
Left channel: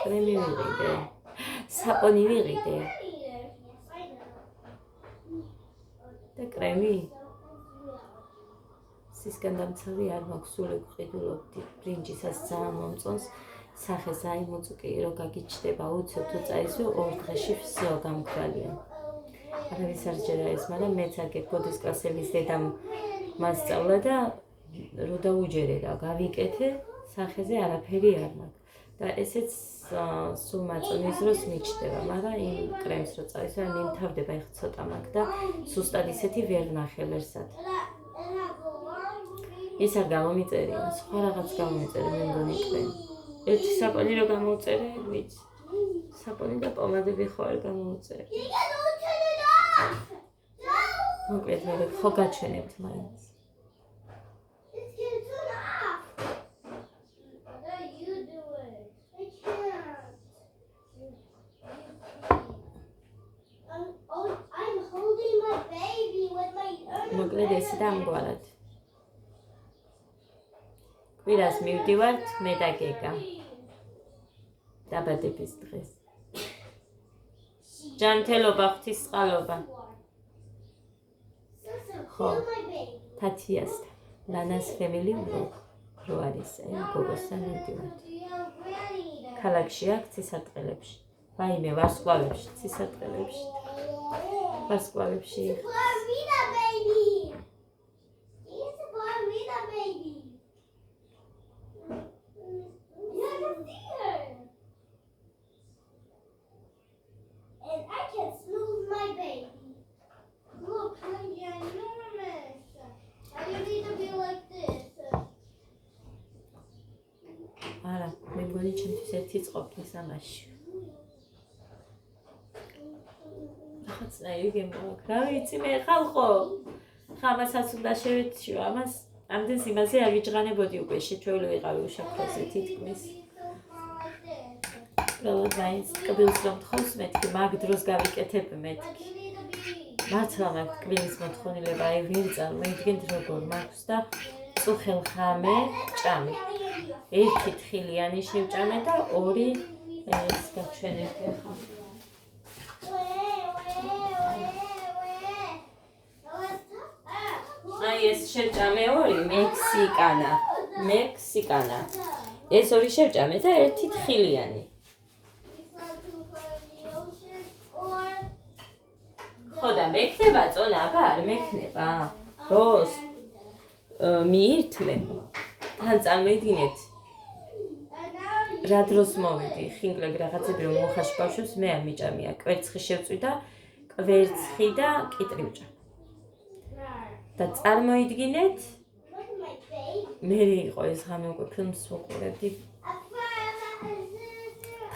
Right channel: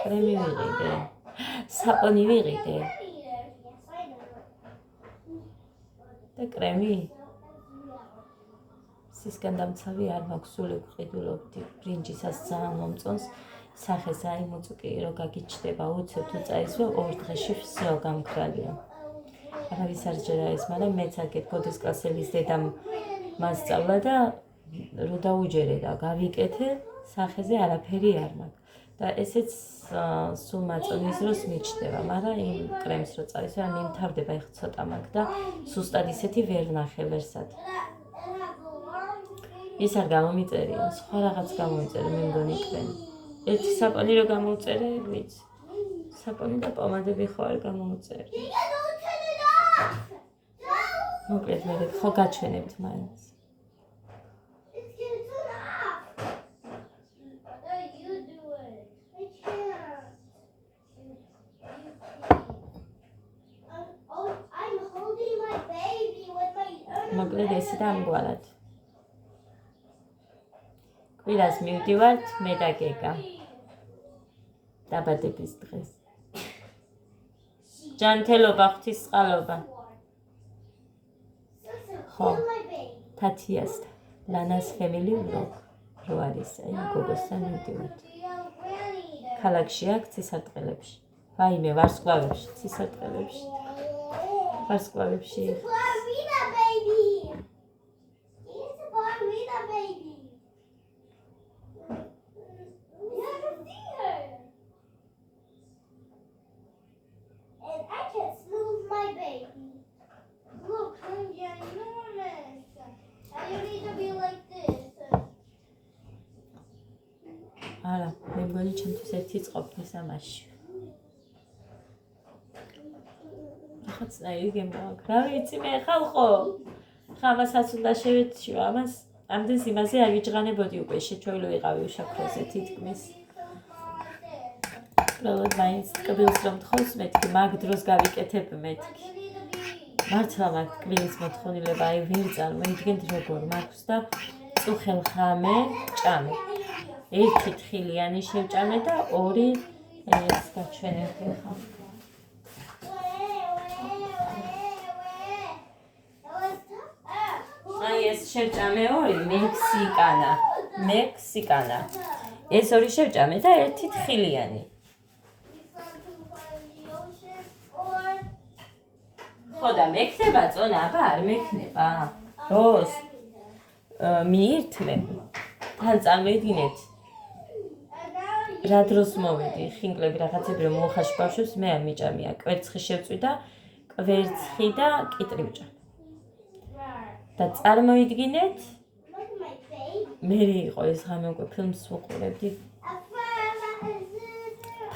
კრემი ვიყიდე. საპონი ვიყიდე. და კრემი სისკენ დამცავი არ მაქვს, სულ ვყიდულობდი ბრინჯისაც ძალიან მომწონს. სახეს აი მოწუკი რო გაგიჩდება უცებ თუ წაისვე 2 დღეში всё გამქრალია. არავის არ ჯერა ეს, მაგრამ მეც აგეთ ბოდის კლასების დედამ მასწავლა და რო დაუჯერე და გავიკეთე, სახეზე არაფერი არ მაქვს. და ესეც სულ მაწონის დროს მიჩნდება, მაგრამ იმ კრემს რო წავისვე, მიმთავრდება ეხ ცოტა მაქვს და სუსტად ისეთი ვერ ნახე ვერსად. ის არ გამომიწერია, სხვა რაღაც გამომიწერე, მე მგონი კრემი. ერთი საპონი რო გამოვწერე, ვიცი. საპონი და პომადები ხო არ გამოვწერე. მოკლედ მე ხო გაჩვენებთ მაინც. მოკლედ ესე და ამგვარად. კვირას მივდივართ მე და გეგა. დაბადების დღეს. ჯანმრთელობა, ღვთისმწყალობა. ხო, თათიასთან, ლანას family vlog რო არის, აი გოგოსთან მივდივართ. ქალაქში აქ ცისარტყელებში. ვაიმე, ვარსკვლავებში, ცისარტყელებში. ვარსკვლავებში. არა, მე მგონი ჩემთვის ერთი წყობნის ამაში. რაღაცნაირი გემოაქვს. რა ვიცი მე ხალხო. ხამასაც უნდა შევეციო, ამას ამდენს იმაზე არ ვიჯღანებოდი უკვე, შეჩვეულო ვიყავი უშაქროზე თითქმის. უბრალოდ მაინც კბილს რომ თხოვს მეთქი, მაგ დროს გავიკეთებ მეთქი. მართლა მაგ კბილის მოთხოვნილება, აი ვერ წარმოიდგენთ როგორ მაქვს და წუხელ ღამე ჭამე. ერთი თხილიანი შევჭამე და ორი ეს გაჩვენებდი ახლა. აი ეს შევჭამე ორი მექსიკანა. ეს ორი შევჭამე და ერთი თხილიანი. ხო და მექნება წონა, აბა არ მექნება. როს მიირთმე. თან წარმოიდგინეთ. რა დროს მოვედი, ხინკლები რაღაცები რომ მოუხაში ბავშვებს მე არ მიჭამია. კვერცხი შევწვი და კვერცხი და კიტრი ვჭამ. და წარმოიდგინეთ, მე იყო ეს ღამე უკვე ფილმს ვუყურებდი.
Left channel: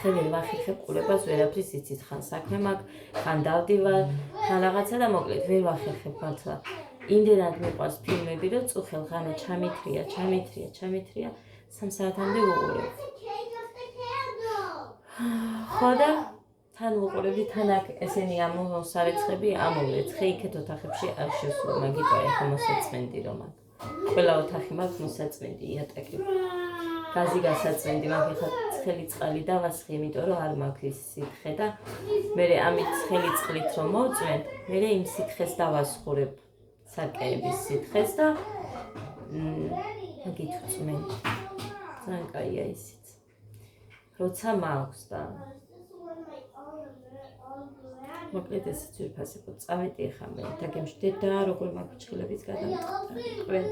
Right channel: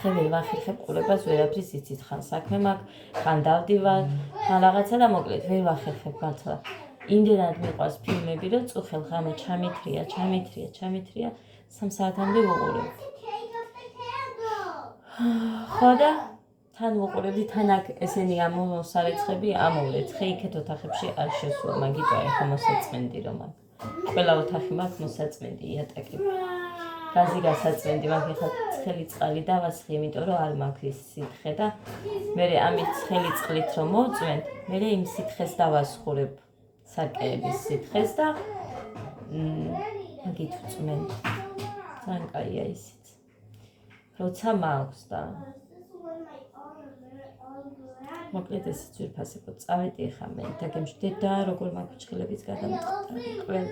ხელი ვახერხებ ყურებას, ვერაფრის იცით, ხან საქმე მაქვს, ხან დავდივარ, ხან რაღაცა და მოკლედ ვერ ვახერხებ მართლა. იმდენად მიყვარს ფილმები, რომ წუხელ ღამე ჩამithრია, 3 საათამდე ვუყურებდი. ხო და თან ვუყურებდი, თან აქ ესენი ამოსარეცხები ამოვრეცხე, იქეთ ოთახებში არ შესულა, მაგიტო ეხა მოსაწმენდი რომ აქ. ყველა ოთახი მაქვს მოსაწმენდი, იატაკები. გაზი გასაწმენდი, მაგ ეხა ცხელი წყალი დავასხი, იმიტომ რომ არ მაქვს ის სითხე და მე ამით ცხელი წყლით რომ მოვწვენ, მე იმ სითხეს დავასხურებ სარკეების სითხეს და მაგით ვწმენ. ძალიან კაია ისიც. როცა მაქვს და მოკლედ ესეც ვიფასებო, წავედი ახლა მე დაგემშვიდეთ და როგორ მაქვს ჩხილებიც გადამწყდა ყველგან.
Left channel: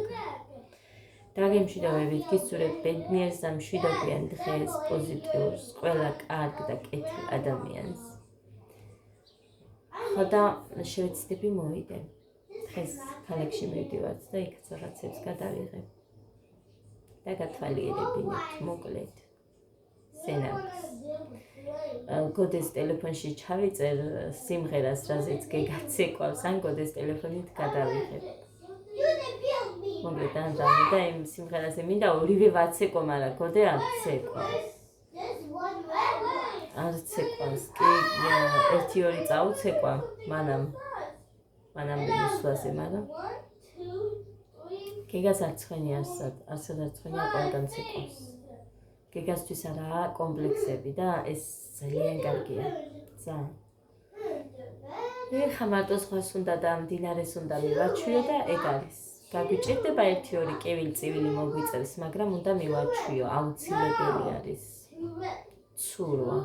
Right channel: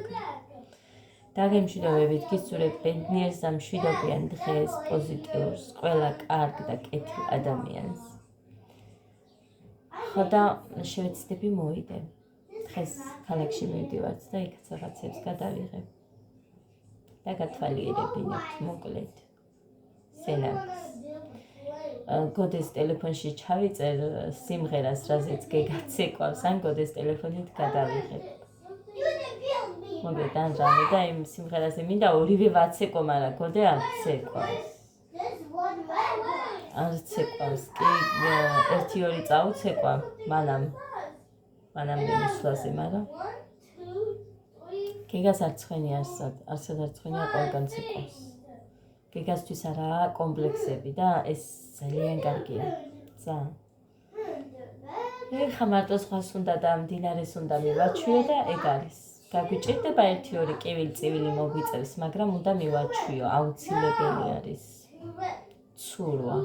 დაგემშვიდობებით, გისურვებთ ბედნიერს და მშვიდობიან დღეს, პოზიტიურს, ყველა კარგ და კეთილ ადამიანს. ხო და შევეცდები მოვიდე. დღეს ქალაქში მივდივართ და იქაც რაღაცებს გადავიღებ. და გათვალიერებინებთ მოკლედ. სენაკს. გოდეს ტელეფონში ჩავიწერ სიმღერას, რაზეც გეგაცეკვავს, ან გოდეს ტელეფონით გადავიღებ. მოკლედ ან რამე და იმ სიმღერაზე მინდა ორივე ვაცეკვო, მაგრამ გოდე არ ცეკვავს. არ ცეკვავს, კი 1-2 წაუცეკვა მანამდე მისვლაზე, მაგრამ გეგას არ ცხენი არსად არ ცხენია ყველგან ცეკვავს. გეგასთვის არაა კომპლექსები და ეს ძალიან კარგია. ძალიან. ეხა მარტო სხვას უნდა და მდინარეს უნდა მივაჩვიო და ეგ არის. გაგვიჭირდება 1-2 კივილი-წივილი მოგვიწერს, მაგრამ უნდა მივაჩვიო, აუცილებელი არის. ცურვა.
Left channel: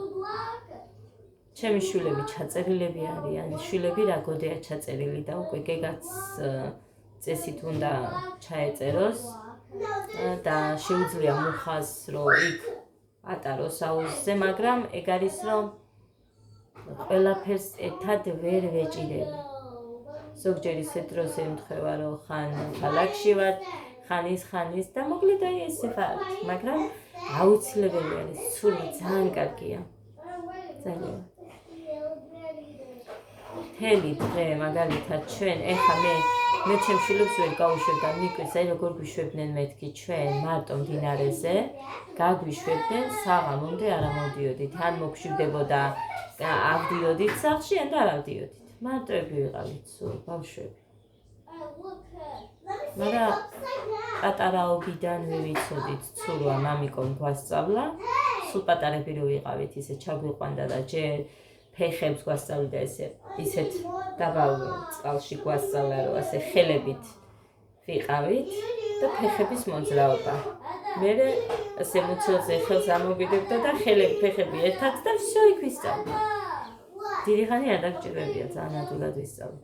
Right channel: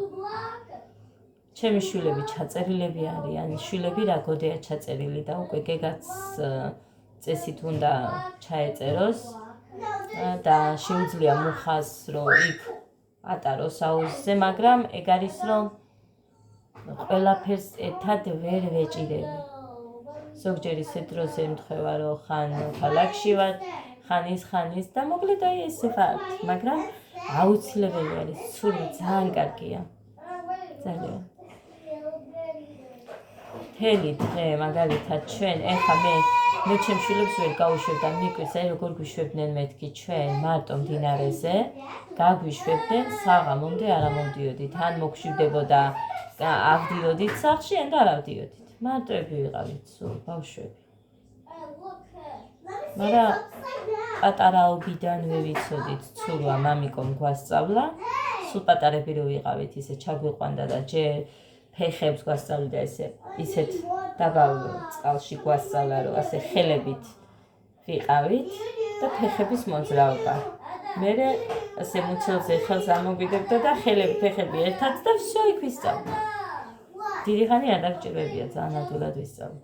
ჩემი შვილები ჩაწერილები არიან, შვილები რა გოდეა ჩაწერილი და უკვე გეგაც წესით უნდა ჩაეწეროს და შეუძლია მუხას რომ იქ ატაროს აუზზე, მაგრამ ეგ არის რომ ყველაფერს ერთად ვერ ვეჭირები. ზოგჯერ ისეთ დროზე ემთხვევა რომ ხან ქალაქში ვარ, ხან ის და მოკლედ აი ესე ვარ, მაგრამ აუცილებელი არის, ცურვა ძალიან კარგია. ძალიან. მთელი დღე მაგალითად ჩვენ ეხა მე ჩემ შვილებს ვერ გავუშვებ და მიკვირს აი როგორ გვიშვებდნენ მეთქი ჩვენ მარტო მდინარეზე გაგვიშვებდნენ საღამომდე არ ამოდიოდით ან მოგშვებდებოდა ავდიოდით სახლში ან და არ ავდიოდით მარტოები ვიყავით სულ ბავშვები მაგრამ პატარაობიდანვე ვიცოდით ცურვა მამიკომ გვასწავლა სულ პატარები რო ვიყავით ისე ჩაგვიყვანდა და ჯერ ფეხებს გვასწავლიდა ისეთ დაბალ წყალში გვასწავლა რომ ასე ხელებით ვიყავით და ფეხების მოძრაობა. მერე ასე მუცელზე ხელს ამოვიდებდა და ფეხები ერთად და всё იქ ვისწავლე. დიდი ხანი არ დაგჭირებია ძალიან ადვილად ვისწავლე.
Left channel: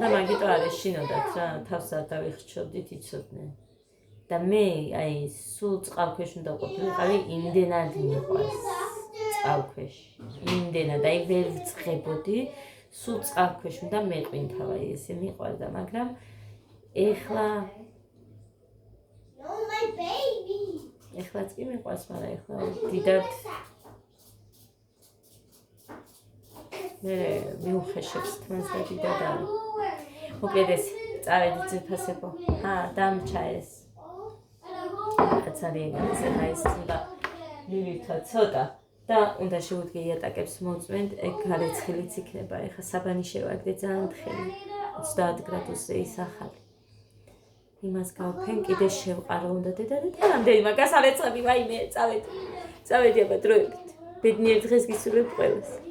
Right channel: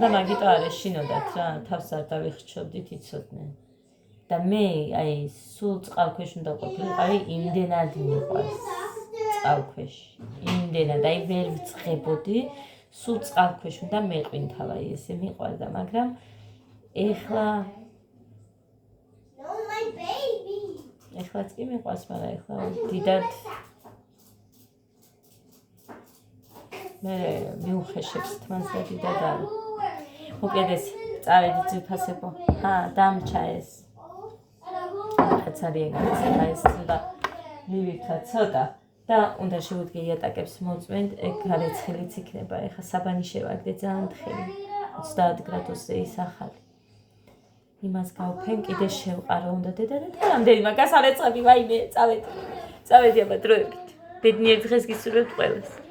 და მაგიტო არ ეშინოდათ რა თავს არ დავიხჩობდით იცოდნენ. და მე აი სულ წყალქვეშ უნდა ყოფილიყავი იმდენად მიყვარს წყალქვეშ იმდენად აი ვერ ვწყებოდი სულ წყალქვეშ უნდა მეყვინთავა ესე მიყვარდა მაგრამ ეხლაც კი მიყვარს მაგრამ ეხლა დიდად მე მიუხეშებს თმას და დიდად არ მოკლედ ეს წავედი ძვირფასებო დამჩა ეს ძალიან განსაკუთრებით უნდა მივირთვა ცოტა და უნდა შევუდგე იატაკებს მოწმენთ, ეგ გარეცხილიც იქნება. ეხლა საბანი შევაგდე ძალიან თხელი. 30 გრადუსზე ისახალი. იმას გავფენ, კიდე შევყარო უნდა დედა და რამდენი მაგას არ ეწყები, ვაიმე, წავედი აბა დროებით. ბედნიერ დღეს გისურვებთ ყველას.